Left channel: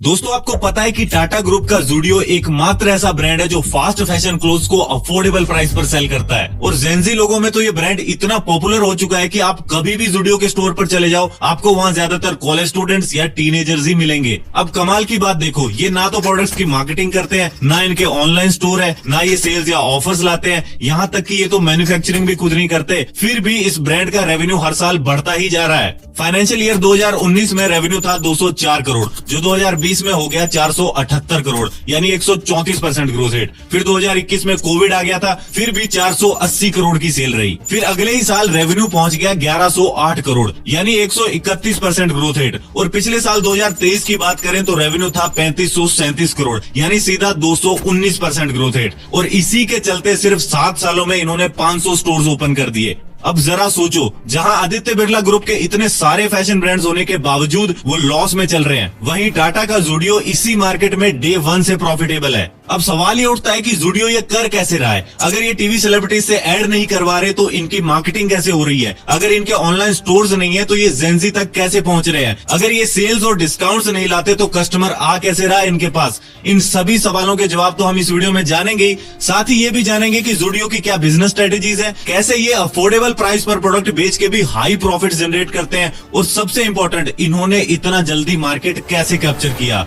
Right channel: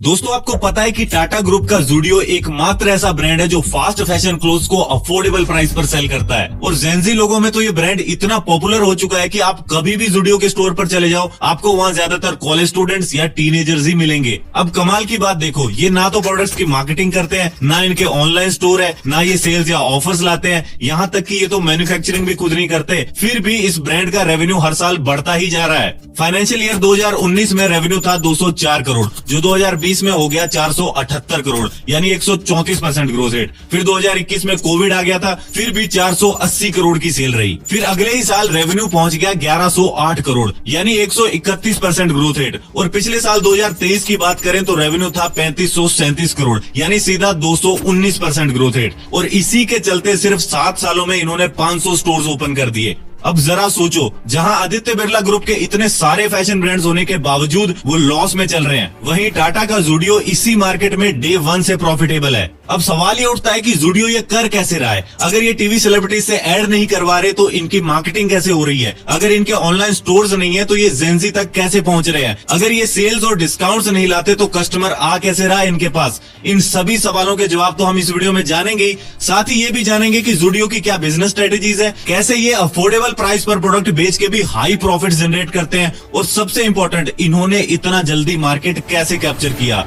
दोस्तों, आपको पता है कि टाटा ग्रुप का ज़ूडियो एकमात्र ऐसा ब्रांड है जो फास्ट फैशन क्लोथ्स को अफोर्डेबल प्राइस पर सेल करता है। और जेंजी लोगों में तो ये ब्रांड इतना पॉपुलर हो चुका है कि आप कभी भी ज़ूडियो के स्टोर पर चले जाओ, आपको वहाँ ज्यादातर कॉलेज स्टूडेंट्स या टीनेजर्स ही मिलेंगे। अब कमाल की बात देखो, ये ना तो प्रोडक्ट्स की मार्केटिंग करते हैं, ना इनके ऑनलाइन स्टोर है, ना ये सेल्स या ऑफर्स लाते हैं, यहाँ तक कि ये तो मैन्युफैक्चरिंग भी खुद नहीं करते। फिर भी इस ब्रांड का रेवेन्यू हर साल बढ़ता ही जा रहा है। फाइनेंशियल ईयर 2019 में रेवेन्यू था 204 करोड़, जो 2020 में हो गया 478 करोड़, यानी 134% ग्रोथ रेट। फिर 2021 में कोविड आ गया था, फिर भी 480 करोड़ की सेल रही। फिर अगले ही साल रेवेन्यू पहुंच गया 1108 करोड़, यानी 131% ग्रोथ रेट। और पिछले साल 2023 की बात करें तो रेवेन्यू था 3537 करोड़, यानी सीधा 219% ग्रोथ रेट। और इसी के चलते सिर्फ 7 सालों में इन्होंने 500 स्टोर्स ओपन कर दिए। अब जरा सोचो, जहां आदित्य बिरला ग्रुप के इतने सारे फैशन ब्रांड्स होने के बावजूद वो लॉस में चल रहे हैं, वहीं टाटा का ज़ूडियो इसी मार्केट में डे 1 से प्रॉफिटेबल है। अब सवाल ये उठता है कि ज़ूडियो ये कर कैसे रहा है? अगर ये टीवी सेलिब्रिटीज से ऐड नहीं करवा रहे तो इनकी मार्केटिंग कैसे हो रही है? अगर इनके ऑनलाइन स्टोर्स नहीं है तो ये जेंजी तक कैसे पहुंच रहे हैं? अगर ये सेल्स और डिस्काउंट्स नहीं लाते तो कस्टमर आ कैसे रहा है इनके पास? इन सभी सवालों के जवाब तो हम इस वीडियो में जानेंगे। साथ ही ये भी जानेंगे कि ज़ूडियो की क्या बिजनेस स्ट्रेटेजीज है, कैसे ये अफोर्डेबल प्राइस पर प्रोडक्ट बेच के भी हाई प्रॉफिट जनरेट करते हैं, और सबसे इंपॉर्टेंट, इन्होंने इतना जल्दी मार्केट कैसे कैप्चर किया।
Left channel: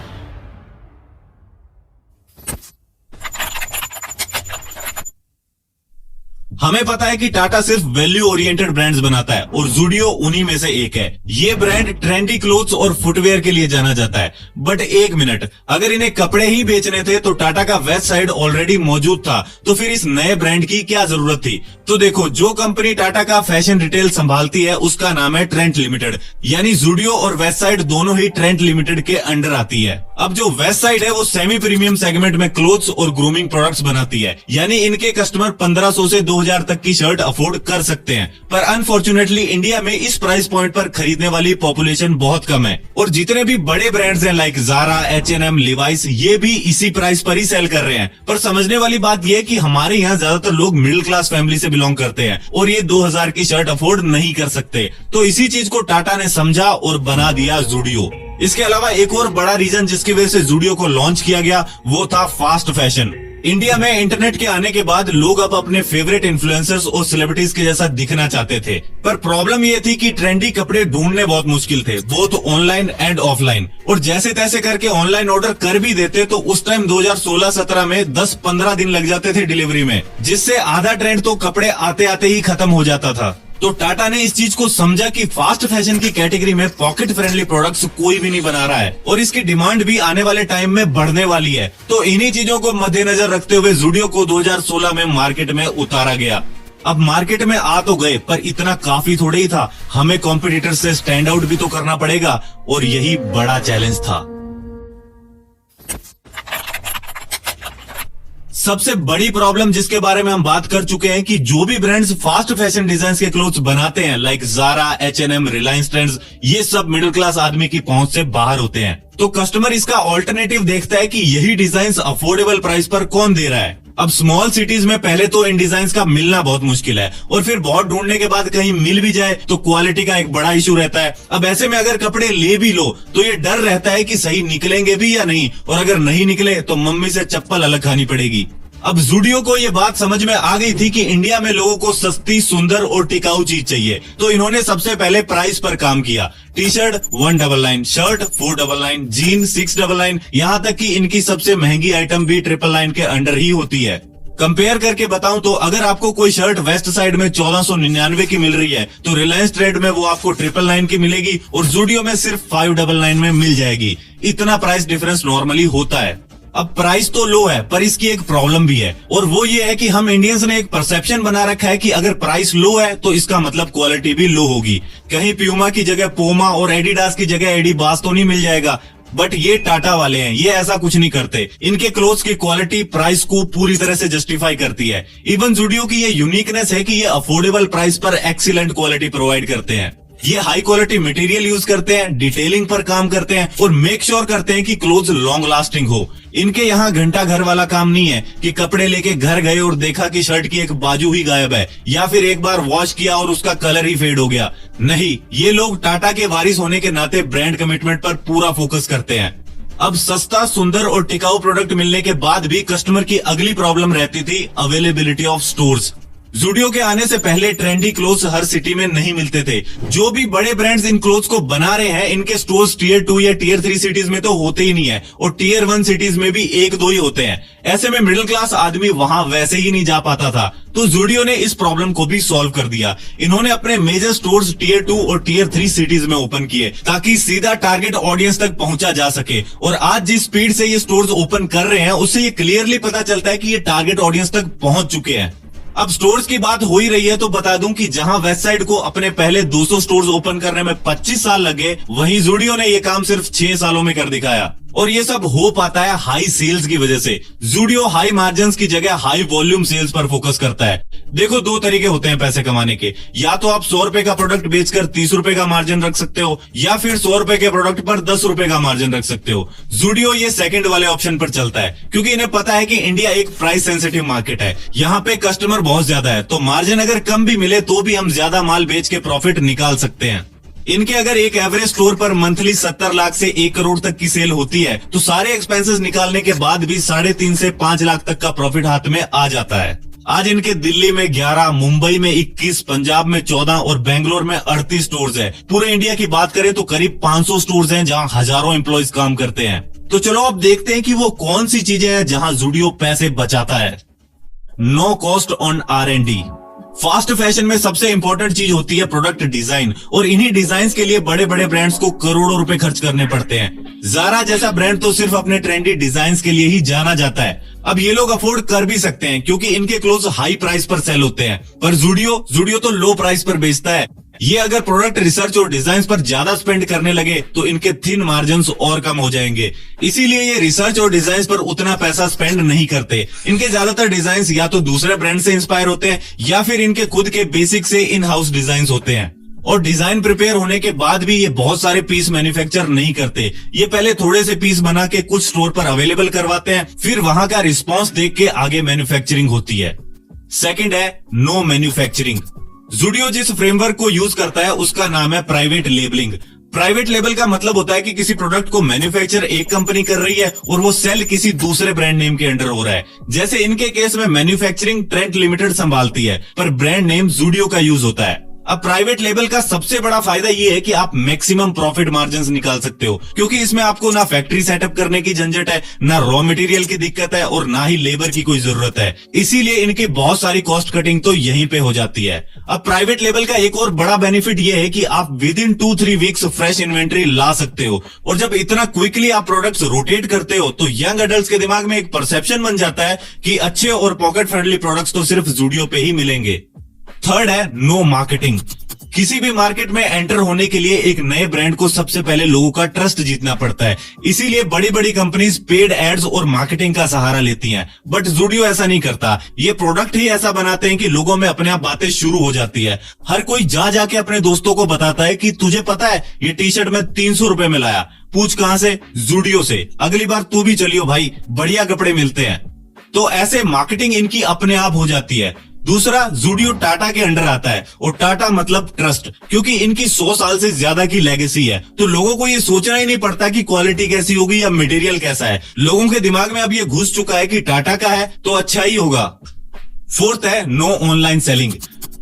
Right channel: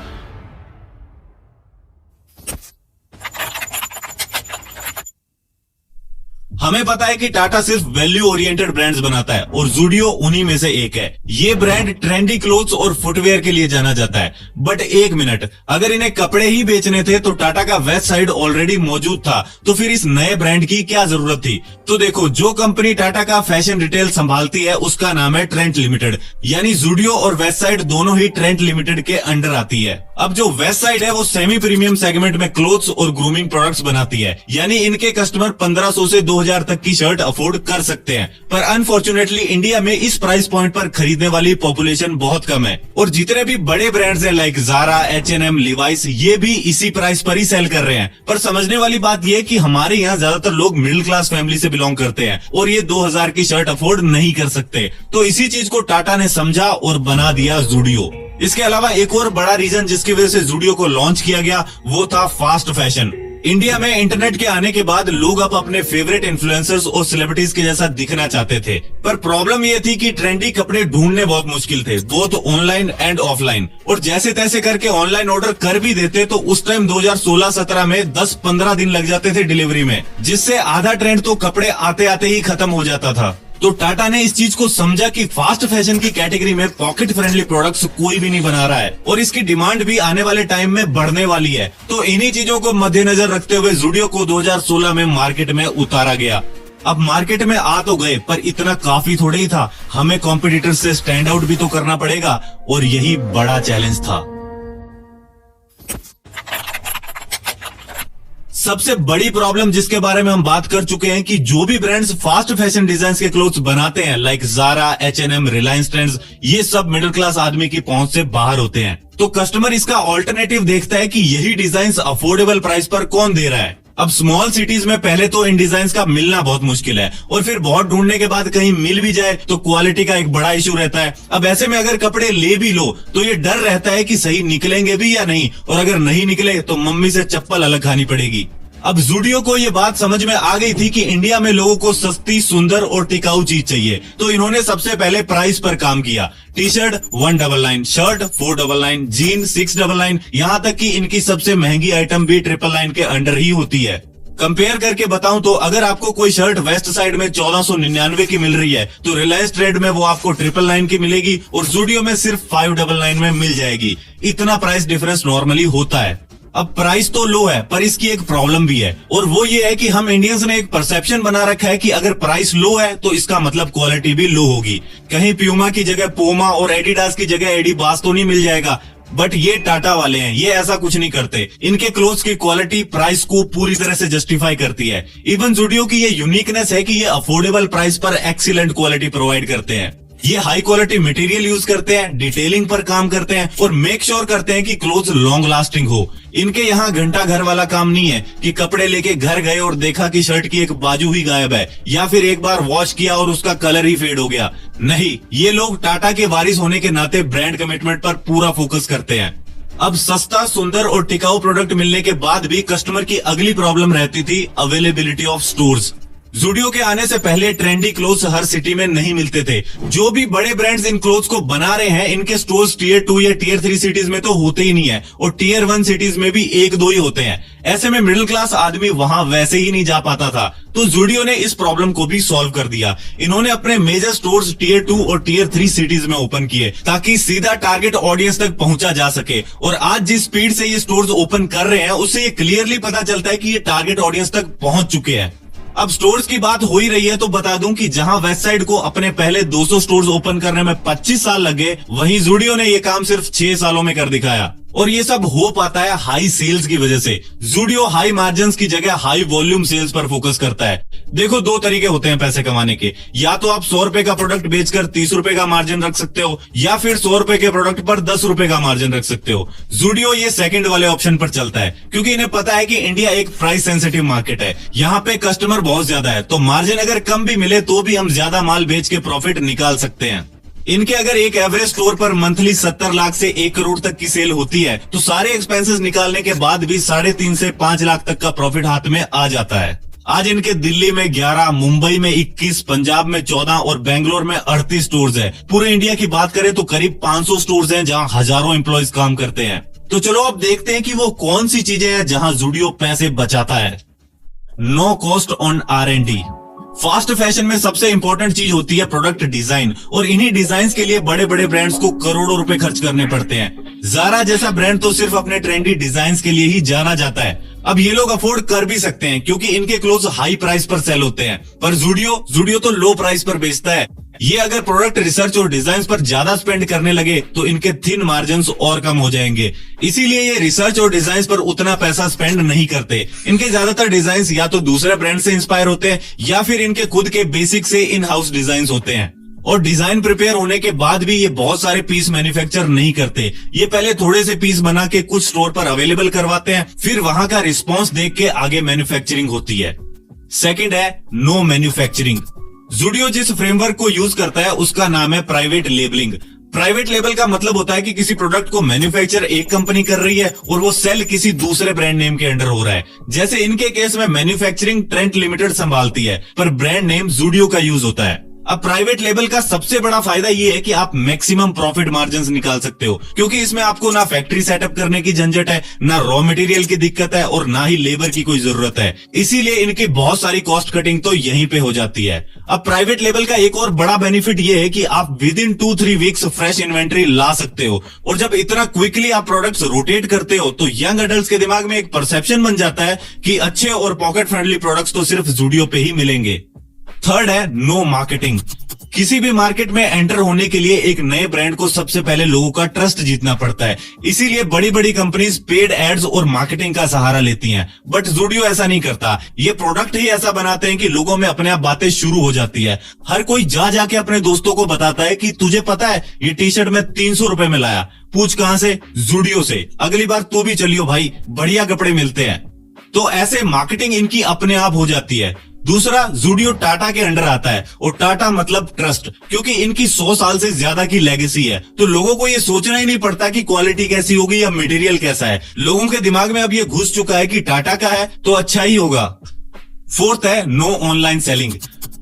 हमें पता है कि टाटा सिर्फ वैल्यू ओरिएंटेड ब्रांड्स बनाता है और ज़ूडियो उन्हीं में से एक है। ये ब्रांड ट्रेंडी क्लोथ्स और फुटवेयर के लिए जाना जाता है। बट एक मिनट, अगर इन्हें कपड़े ही बेचने थे तो टाटा का वेस्ट साइड ऑलरेडी मौजूद था, तो फिर इस नए ब्रांड की क्या जरूरत थी? तो देखो, जो कंपनी टाटा का फैशन रिटेल संभालती है उसका नाम है ट्रेंट लिमिटेड, यानी ज़ूडियो और वेस्ट साइड दोनों ही ट्रेंट लिमिटेड के अंडर आती है। अब जो वेस्ट साइड है वो सेमी प्रीमियम सेगमेंट में क्लोथ्स और ग्रूमिंग प्रोडक्ट्स बनाती है, यानी इनके कस्टमर 1500 से 2000 तक की शर्ट अफोर्ड कर सकते हैं। पर अनफॉर्चुनेटली इंडिया में इस प्राइस पॉइंट पर खरीदने वाली पॉपुलेशन बहुत कम है। और जितने भी बड़े ब्रांड्स हैं लाइक ज़ारा, H&M, लिवाइस, ये भी इसी प्राइस पर ही सेल कर रहे हैं। पर समझने वाली बात ये कि हमारे यहाँ ज्यादातर लोग मिडिल क्लास फैमिली से बिलोंग करते हैं और ये 2000 की शर्ट अफोर्ड नहीं कर सकते। तो इसी चीज को टाटा ने समझा और बना दिया ज़ूडियो। इसके अलावा एक और बड़ा रीजन जिसकी वजह से ज़ूडियो को लॉन्च किया गया वो था फास्ट फैशन। इंडिया में इंटरनेट के आने के बाद लोग अब अपने फेवरेट इन्फ्लुएंसर्स और सेलिब्रिटीज के जैसा दिखना चाहते थे। पर प्रॉब्लम ये थी कि ट्रेंडी कपड़े ढूंढने बहुत मुश्किल थे, बोथ ऑनलाइन एंड ऑफलाइन। और जैसे तैसे करके ऑनलाइन ऑर्डर कर भी देते तो उस टाइम 2016-17 में 10-15 दिन लग जाते थे डिलीवरी में, जिससे आधा ट्रेंड तो कपड़े आते आते ही खत्म हो जाता था। तो टाटा ने इस चीज को समझा कि फास्ट फैशन की कैटेगरी में पॉकेट फ्रेंडली प्रोडक्ट्स कोई भी नहीं बना रहा है और इसकी डिमांड भी आने वाले टाइम में बढ़ने वाली है। तो इन्हीं चीजों को मद्देनजर रखते हुए ज़ूडियो को 2016 में मार्केट में उतारा गया। अब मार्केट में आ तो गए, पर इतना काफी थोड़े ही था, हमें कॉम्पिटिटर से स्टैंड आउट भी तो करना पड़ेगा, और यही बड़ा चैलेंज था। सबसे बड़ी प्रॉब्लम जिसके बारे में हम बात कर चुके हैं कि जो भी ब्रांड्स फास्ट फैशन डिजाइन के क्लोथ्स बनाते हैं like Zaara, H&M, Reliance trends, ये सब मिडिल क्लास आदमी की पहुंच से बाहर होते हैं। तो कस्टमर इसका ऑल्टरनेटिव देखता है कि यही डिजाइन अफोर्डेबल प्राइस पर कौन दे रहा है। अब स्मॉल सिटीज में पहले तो इन डिजाइन का मिलना बहुत मुश्किल है, और फिर बहुत ढूंढने के बाद कहीं मिल भी जाए तो क्वालिटी का एक बड़ा इशू रहता है। अब ऐसे में अगर कपड़े ले भी लो तो ये डर रहता है कि सही निकलेंगे भी या नहीं, और अगर नहीं निकले तो मम्मी से चप्पल अलग खानी पड़ेगी। अब ज़ूडियो को ये बात समझ में आ गई थी कि इंडिया में लोगों को सस्ती, सुंदर और टिकाऊ चीज चाहिए, तो इन्होंने सबसे पहले प्राइस पर काम किया। टी शर्ट 199, शर्ट 499, जीन 699, यहाँ तक कि इनकी सबसे महंगी आइटम भी 999 के अंडर ही होती है। कंपेयर करके बताऊं तो अगर आपको कोई शर्ट वेस्ट साइड में 1499 की मिल रही है तो रिलायंस ट्रेड में वो आपको 999 की मिलेगी और ज़ूडियो में सिर्फ 599 में मिल जाएगी। इतना प्राइस डिफरेंस नॉर्मली होता है। अब प्राइस तो लो है, पर इसकी एक प्रॉब्लम भी है, और वो ये है कि हम इंडियंस ने एक परसेप्शन बना रखा है कि अगर प्राइस लो है तो इसका मतलब क्वालिटी भी लो होगी। कहीं प्यूमा की जगह पूमा और एडिडास की जगह एडिबास तो नहीं मिल जाएगा। बट ये टाटा वाले हैं, ये ऐसा कुछ नहीं करते। इनके क्लोथ्स की क्वालिटी प्राइस को पूरी तरह से जस्टिफाई करती है। इवन ज़ूडियो की ये यूनिकनेस है कि ये अफोर्डेबल प्राइस पर एक्सीलेंट क्वालिटी प्रोवाइड करते हैं। ये हाई क्वालिटी मटेरियल यूज करते हैं, डिटेलिंग पर काम करते हैं और मेक श्योर करते हैं कि क्लोथ्स लॉन्ग लास्टिंग हो। इनके यहाँ घंटा घर वाला काम नहीं है कि कपड़े लेके घर गए और देखा कि शर्ट की एक बाजू ही गायब है, या फिर एक बार वॉश किया और उसका कलर ही फेड हो गया। नहीं, ये लोग टाटा के वारिस होने के नाते ब्रांड कमिटमेंट पर पूरा फोकस करते हैं। अब सस्ता, सुंदर और टिकाऊ प्रोडक्ट मिलने के बाद भी कस्टमर की अगली प्रॉब्लम रहती थी अवेलेबिलिटी ऑफ स्टोर्स। ज़ूडियो के आने से पहले ट्रेंडी क्लोथ्स हर सिटी में नहीं मिलते थे। जो भी बड़े ब्रांड्स इन क्लोथ्स को बना रहे हैं, इनके स्टोर्स टियर 2 या टियर 3 सिटीज में तो होते ही नहीं है और टियर 1 सिटीज में भी 1-2 ही होते हैं। ऐसे में मिडिल क्लास आदमी वहां वैसे ही नहीं जा पाता था। तो ज़ूडियो ने इस प्रॉब्लम को भी सॉल्व कर दिया। इन्होंने अपने मेजर स्टोर्स टियर 2 और टियर 3 सिटीज में ओपन किए ताकि सीधा टारगेट ऑडियंस तक पहुंचा जा सके। और आज जिस स्पीड से ये स्टोर्स ओपन कर रहे हैं, उससे ये क्लियरली पता चलता है कि ये टारगेट ऑडियंस तक पहुंच चुके हैं। अब स्टोर्स की बात हो ही रही है तो बता दूं कि जहां वेस्ट साइड को अपने पहले 200 स्टोर्स ओपन करने में 25 साल लगे, वहीं ज़ूडियो ने ये काम सिर्फ 6 सालों में कर दिखाया। और ये सब हो पाता है हाई सेल्स की वजह से। ज़ूडियो हाई मार्जिन्स की जगह हाई वॉल्यूम सेल्स पर फोकस करता है। देखो, 2 तरीके होते हैं पैसे कमाने के। या तो आप 100 रुपए का प्रोडक्ट बेचकर 30 रुपए का मार्जिन रख सकते हो, या फिर 100 रुपए के प्रोडक्ट पर 10 रुपए का मार्जिन रख सकते हो। ज़ूडियो ये सेकंड वाले ऑप्शन पर चलता है, क्योंकि इन्हें पता है कि इंडिया एक प्राइस सेंसिटिव मार्केट है। यहाँ पे कस्टमर बहुत ज्यादा है, तो मार्जिन अगर कम भी मिले तो भी हम ज्यादा माल बेच के प्रॉफिट निकाल सकते हैं। इनके अगर एक एवरेज स्टोर पर मंथली 70 लाख से 1 करोड़ तक की सेल होती है, तो सारे एक्सपेंसेस निकालने के बाद भी 3.5 से 5 लाख तक का प्रॉफिट हाथ में आ जाता है। आज इनके दिल्ली में 11, मुंबई में 21, पंजाब में 14 और बेंगलोर में 38 स्टोर्स हैं। पूरे इंडिया की बात करें तो करीब 500 स्टोर्स हैं जहां हजारों एम्प्लॉयज काम करते हैं। तो चलो अब देखते हैं कि वो कौन सी चीजें हैं जहां ज़ूडियो पैसे बचाता है। No cost on R&D। Fast fashion में सबसे इंपॉर्टेंट चीज होती है प्रोडक्ट डिजाइन, और इन्हीं डिजाइन के लिए बड़े बड़े ब्रांड्स को करोड़ों रुपए खर्च करने पड़ते हैं। ज़ारा जैसा ब्रांड तो सिर्फ अपने ट्रेंडी डिजाइन के लिए ही जाना जाता है। अब ये लोग अफोर्ड कर भी सकते हैं क्योंकि इनके क्लोथ्स हाई प्राइस पर सेल होते हैं, पर ज़ूडियो तो लो प्राइस पर बेचता है। ये अगर प्रोडक्ट रिसर्च और डिजाइन पर ज्यादा स्पेंड करने लगे तो इनके थिन मार्जिन्स और कम हो जाएंगे। इसीलिए ये रिसर्च और डिजाइन पर उतना पैसा स्पेंड नहीं करते। इनके ज्यादातर डिजाइन या तो दूसरे ब्रांड से इंस्पायर होते हैं या फिर इनके खुद के बेसिक से इन हाउस डिजाइन होते हैं। और डिजाइन प्रिपेयर होने के बाद भी ये बहुत सारे पीस मैन्युफैक्चर नहीं करते। ये पहले थोड़े से पीस बना के कुछ स्टोर पर अवेलेबल करवाते हैं, फिर वहां का रिस्पॉन्स देख के आगे मैन्युफैक्चरिंग होती है। सेकंड है नो मैन्युफैक्चरिंग। ज़ूडियो जिस फ्रेमवर्क को यूज करता है उसका नाम है प्राइवेट लेबलिंग। प्राइवेट लेबल का मतलब होता है कि किसी प्रोडक्ट को मैन्युफैक्चर एक कंपनी कर रही है और वो सेल किसी दूसरे ब्रांड नेम के अंडर हो रहा है। जैसे इनके केस में मैन्युफैक्चरिंग ट्रेंट लिमिटेड संभालती है, पर ब्रांड नेम ज़ूडियो का यूज होता है। अब प्राइवेट लेबल का सबसे बड़ा फायदा ये है कि आप मैक्सिमम प्रॉफिट मार्जिन्स निकाल सकते हो, क्योंकि इसमें आपको ना फैक्ट्री सेटअप करने की झंझट है, ना रॉ मटेरियल की दिक्कत है और ना ही लेबर की कोई जरूरत है। इसीलिए इनकी बहुत सारी कॉस्ट कटिंग तो यहीं पे हो जाती है। अब प्राइवेट लेबल का एक और बड़ा बेनिफिट ये है कि आप within 2-3 weeks fresh inventory ला सकते हो, और जब इतना क्विकली आप प्रोडक्ट्स रोटेट करते हो तो यंग एडल्ट्स के दिमाग में एक परसेप्शन बन जाता है कि अच्छे और पॉकेट फ्रेंडली प्रोडक्ट्स तो सिर्फ ज़ूडियो पे ही मिलेंगे। थर्ड है नो मार्केटिंग। किसी भी मार्केट में एंटर होने के लिए एक नए ब्रांड को सबसे पहले लोगों का ट्रस्ट जीतना पड़ता है। इसीलिए बड़ी बड़ी कंपनीज पेड एड्स और मार्केटिंग का सहारा लेती हैं, बट ज़ूडियो ऐसा नहीं करता। ये प्रोडक्ट ही ऐसा बनाते हैं कि लोगों में अपने आप बातें शुरू हो जाती है। हर कोई जा जाके अपने दोस्तों को बताता है कि तुझे पता है ये टी शर्ट मैं 300 रुपए में लाया, पूछ कहां से? ज़ूडियो से। अगली बार तू भी चलियो भाई, बढ़िया कपड़े मिलते हैं। तो ऐसे मार्केटिंग इनकी अपने आप हो जाती है। दूसरा, ज़ूडियो टाटा के अंडर आता है, और टाटा मतलब ट्रस्ट, क्योंकि इनकी 100 साल से ज्यादा की लेगेसी है। तो लोगों को ये सोचना ही नहीं पड़ता कि क्वालिटी कैसी होगी या मटेरियल कैसा है। लोगों के दिमाग में अब ये घुस चुका है कि टाटा का है तो अच्छा ही होगा। फोर्थ है नो ऑनलाइन सेलिंग।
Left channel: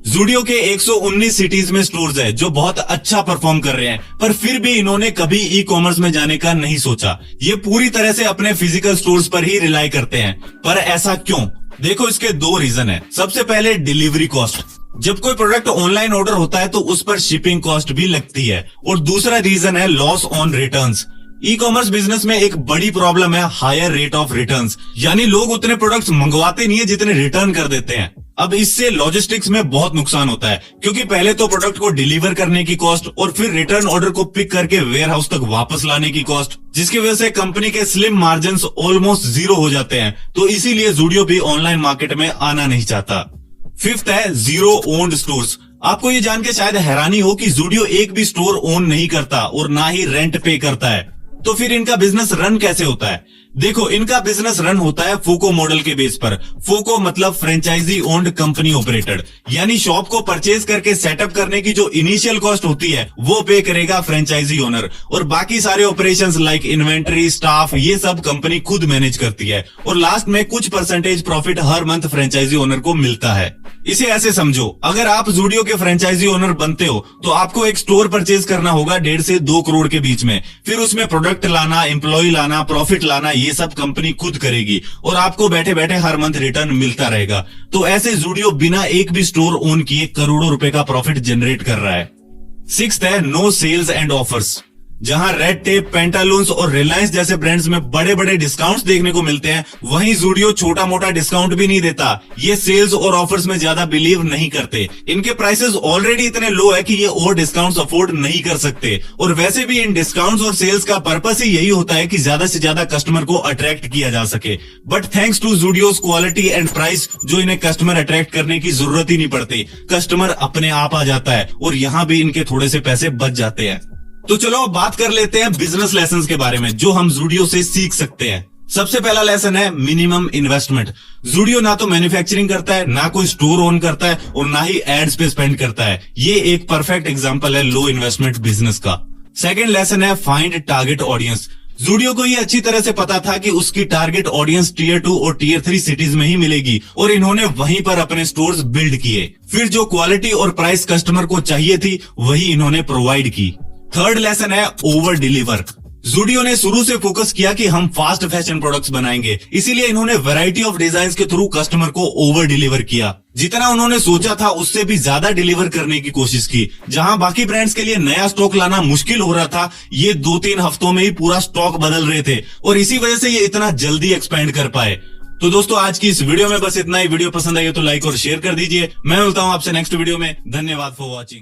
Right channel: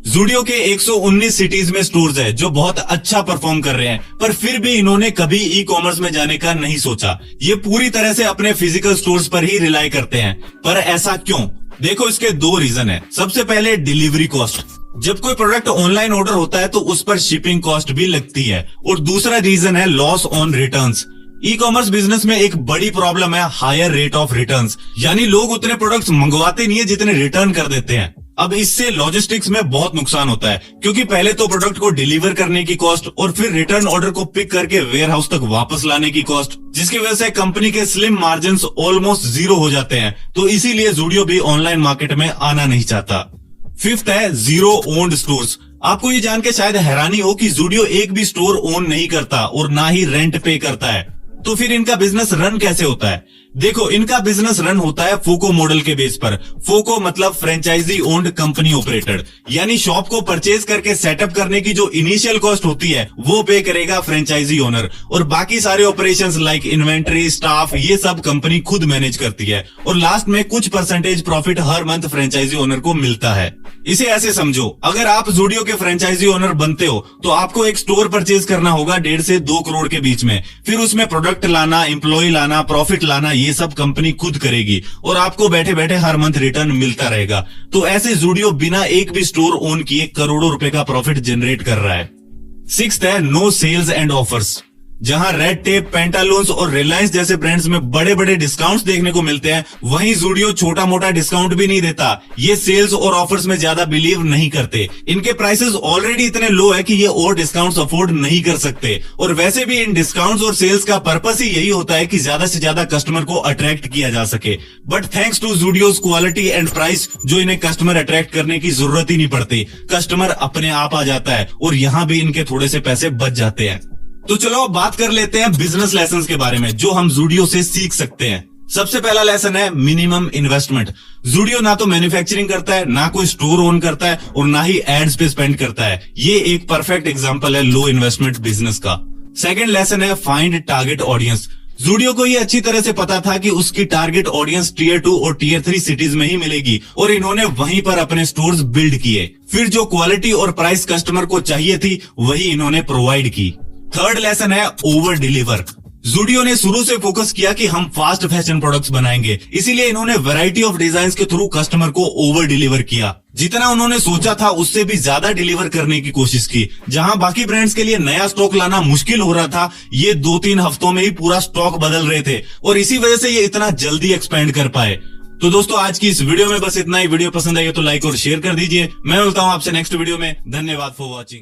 ज़ूडियो के 119 सिटीज में स्टोर्स है जो बहुत अच्छा परफॉर्म कर रहे हैं, पर फिर भी इन्होंने कभी ई कॉमर्स में जाने का नहीं सोचा। ये पूरी तरह से अपने फिजिकल स्टोर्स पर ही रिलाई करते हैं। पर ऐसा क्यों? देखो, इसके 2 रीजन है। सबसे पहले डिलीवरी कॉस्ट। जब कोई प्रोडक्ट ऑनलाइन ऑर्डर होता है तो उस पर शिपिंग कॉस्ट भी लगती है। और दूसरा रीजन है loss on returns. E commerce business में एक बड़ी प्रॉब्लम है हायर रेट ऑफ रिटर्न्स, यानी लोग उतने प्रोडक्ट्स मंगवाते नहीं है जितने रिटर्न कर देते हैं। अब इससे लॉजिस्टिक्स में बहुत नुकसान होता है, क्योंकि पहले तो प्रोडक्ट को डिलीवर करने की कॉस्ट और फिर रिटर्न ऑर्डर को पिक करके वेयर हाउस तक वापस लाने की कॉस्ट, जिसकी वजह से कंपनी के स्लिम मार्जिन्स ऑलमोस्ट 0 हो जाते हैं। तो इसीलिए ज़ूडियो भी ऑनलाइन मार्केट में आना नहीं चाहता। फिफ्थ है जीरो ओन्ड स्टोर्स। आपको ये जान के शायद हैरानी हो कि ज़ूडियो एक भी स्टोर ओन नहीं करता और ना ही रेंट पे करता है। तो फिर इनका बिजनेस रन कैसे होता है? देखो, इनका बिजनेस रन होता है फोको मॉडल के बेस पर। फोको मतलब फ्रेंचाइजी ओन्ड कंपनी ऑपरेटेड, यानी शॉप को परचेज करके सेटअप करने की जो इनिशियल कॉस्ट होती है वो पे करेगा फ्रेंचाइजी ओनर, और बाकी सारे ऑपरेशंस लाइक इन्वेंट्री, स्टाफ, ये सब कंपनी खुद मैनेज करती है, और लास्ट में कुछ परसेंटेज प्रॉफिट हर मंथ फ्रेंचाइजी ओनर को मिलता है। इसे ऐसे समझो, अगर आप ज़ूडियो के फ्रेंचाइजी ओनर बनते हो तो आपको एक स्टोर परचेज करना होगा 1.5 से 2 करोड़ के बीच में, फिर उसमें प्रोडक्ट लाना, एम्प्लॉय लाना, प्रॉफिट लाना, ये सब कंपनी खुद करेगी, और आपको बैठे बैठे हर मंथ रिटर्न मिलता रहेगा। तो ऐसे ज़ूडियो बिना एक भी स्टोर ओन किए करोड़ों रुपए का प्रॉफिट जनरेट कर रहा है। 6th है नो सेल्स एंड ऑफर्स। जहां रेड टेप, पेंटालून्स और रिलायंस जैसे ब्रांड्स में बड़े बड़े डिस्काउंट्स देखने को मिलते हैं, वहीं ज़ूडियो छोटा मोटा डिस्काउंट भी नहीं देता। ये सेल्स और ऑफर्स में ज्यादा बिलीव नहीं करते। इनके प्राइसेस ऑलरेडी इतने लो है कि ये और डिस्काउंट्स अफोर्ड नहीं कर सकते, और वैसे भी इन डिस्काउंट्स और सेल्स का पर्पस ही यही होता है कि ज्यादा से ज्यादा कस्टमर को अट्रैक्ट किया जा सके। But thanks to Zudio's quality and price, जो इन्हें कस्टमर अट्रैक्ट करने की जरूरत ही नहीं पड़ती, कस्टमर अपने आप आ जाता है, और यहाँ भी इनके थोड़े से पैसे बच जाते हैं। तो चलो अब बात कर लेते हैं बिजनेस लेसन्स के बारे में जो हम ज़ूडियो से सीख सकते हैं। सबसे पहला लेसन है मिनिमम इन्वेस्टमेंट। ज़ूडियो ना तो मैन्युफैक्चरिंग करता है, ना कोई स्टोर ओन करता है, और ना ही एड्स पे स्पेंड करता है। ये एक परफेक्ट एग्जांपल है लो इन्वेस्टमेंट बिजनेस का। सेकंड लेसन है फाइंड टारगेट ऑडियंस। ज़ूडियो को ये अच्छी तरह से पता था कि उसकी टारगेट ऑडियंस Tier 2 और Tier 3 सिटीज में ही मिलेगी, और इन्होंने वहीं पर अपने स्टोर्स बिल्ड किए। फिर जो क्वालिटी और प्राइस कस्टमर को चाहिए थी वही इन्होंने प्रोवाइड की। थर्ड लेसन है ओवर डिलीवर। ज़ूडियो ने शुरू से फोकस किया कि हम फास्ट फैशन प्रोडक्ट्स बनाएंगे, इसीलिए इन्होंने वैरायटी ऑफ डिजाइन्स के थ्रू कस्टमर को ओवर डिलीवर किया। जितना उन्होंने सोचा था उससे भी ज्यादा डिलीवर करने की कोशिश की। जहां बाकी ब्रांड्स के लिए नया स्टॉक लाना मुश्किल हो रहा था, ये 2-3 हफ्तों में ही पूरा स्टॉक बदल रहे थे, और इसी वजह से ये इतना जल्दी एक्सपेंड कर पाए। तो दोस्तों, आज की इस वीडियो में बस इतना ही। वीडियो पसंद आई तो लाइक और शेयर कर दीजिए। मैं मिलता हूं आपसे नेक्स्ट वीडियो में। धन्यवाद फॉर वॉचिंग।